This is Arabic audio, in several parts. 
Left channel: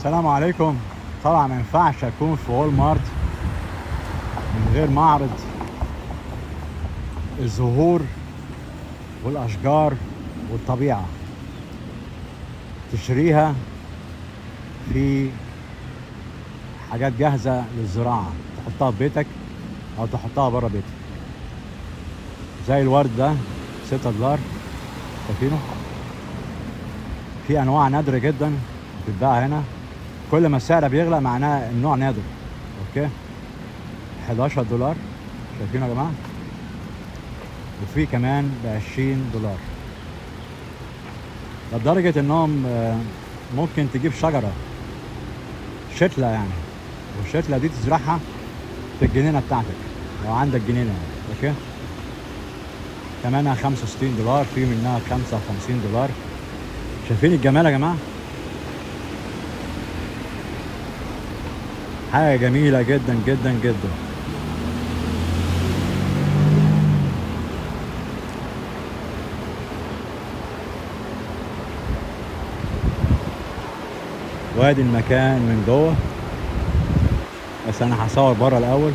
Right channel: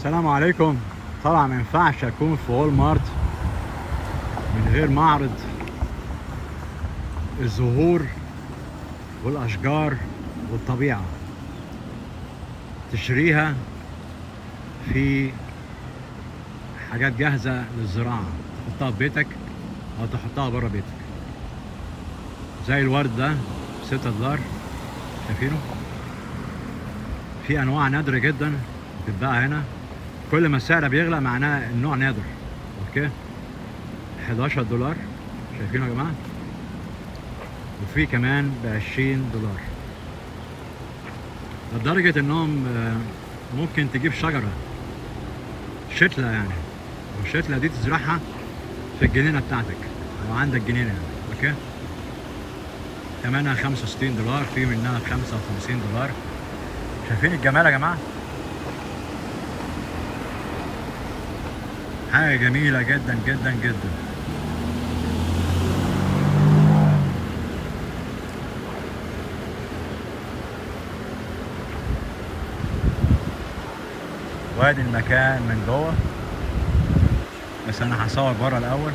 السلام عليكم. طبعا ما ينفعش اكون في وول مارت من غير معرض الزهور والاشجار والطبيعه تشتريها في حاجات جاهزه للزراعه تحطها في بيتك او تحطها بره بيتك، زي الورد ده $6 شايفينه. في انواع نادره جدا بتتباع هنا، كل ما السعر بيغلى معناه النوع نادر. اوكي، $11 شايفينه يا جماعه، وفي كمان ب$20 لدرجه انهم ممكن تجيب شجره شتله يعني، والشتله دي تزرعها في الجنينه بتاعتك لو عندك جنينه. اوكي، ثمنها $65، في منها $55. شايفين الجمال يا جماعه؟ حاجه جميله جدا جدا جدا. وادي المكان من جوه، بس انا هصور بره الاول.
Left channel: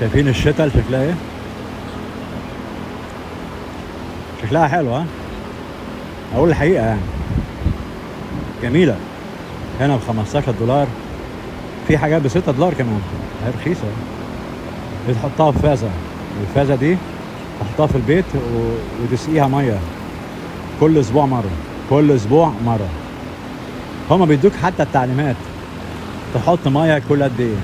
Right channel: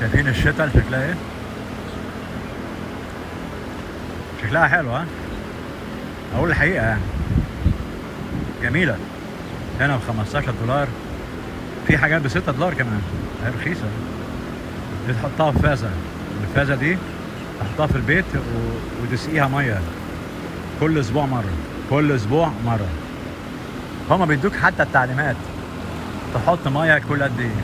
شايفين الشتل شكلها ايه؟ شكلها حلو ها؟ اقول الحقيقه يعني جميله. هنا ب$15، في حاجات ب$6 كمان، هي رخيصه. دي تحطها في فازه، والفازه دي تحطها في البيت وتسقيها ميه كل اسبوع مره، كل اسبوع مره. هما بيدوك حتى التعليمات تحط ميه كل قد ايه.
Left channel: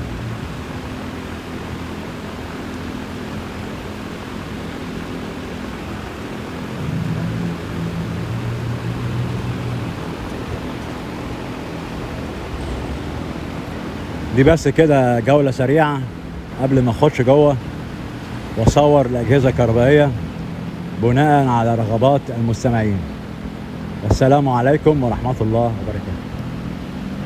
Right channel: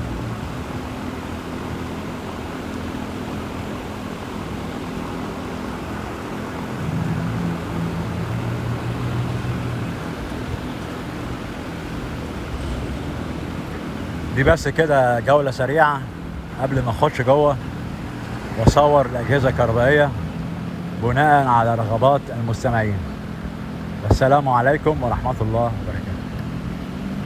دي بس كده جولة سريعة قبل ما اخش جوه واصور الأجهزة الكهربائية بناء على رغبات المستمعين. السلام عليكم ورحمة الله وبركاته.